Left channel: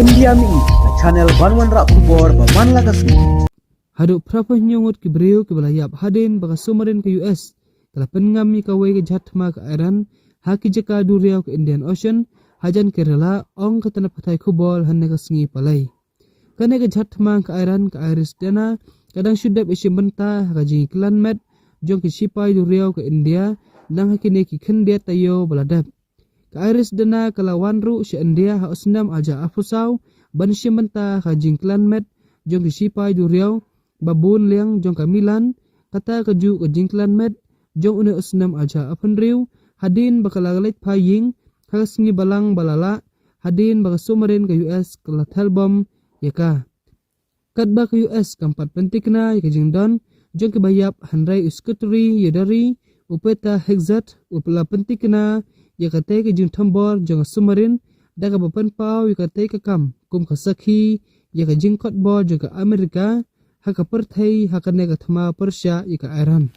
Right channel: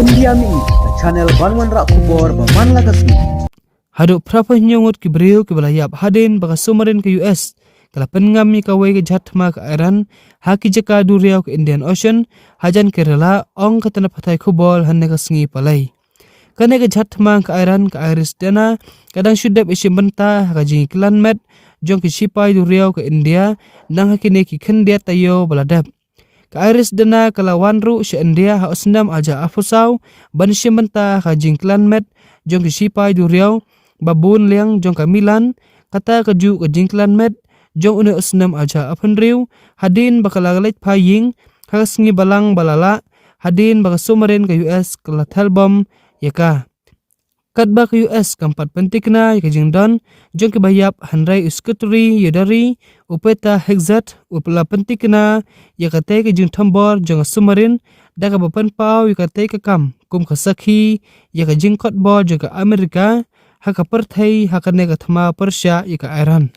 India mi the channel banwan rak kubor ba man lagasni. Haduk prapa nyongot ki beriu ki balayap hadin baka sumarin ke US. Kala pengam mi kawai ke jatma ke Iran. Haki jaka duriau ke Indian Ocean. Hajan Kerala ong katana patai kubol hanne ka sengi palai. Kane ke jatma ke Iran ke Iris dana. Kadang syudap isi benta haka jingi kilan met. Jong ki sipai duriau ke India. Nang hakine ki kendia tayo baladap. Ka Iris dana kala wanru si India ha osnam aja afusau. Ban si benta haka jingi kilan met. Jong ki sipai duriau. Babun liang jong kamilan kata kaju ke jingklan met jong une usnam aja apenriu hadin bakalagalait paying hagas ngi balang balala hadin baka sumarin ke US kala talbom yaka katba ke US kampat pentikna yaka jingdon jong ke bayap handrai uskuturi yodari upeta hexat upla pentikna yaka te ke jing tambor jong sumarin daga bapan pau yaka te ke kam kum kasakhi yaka jingkot bo jong ke Amerika haka perthai haka nega thama Persia ika Iran.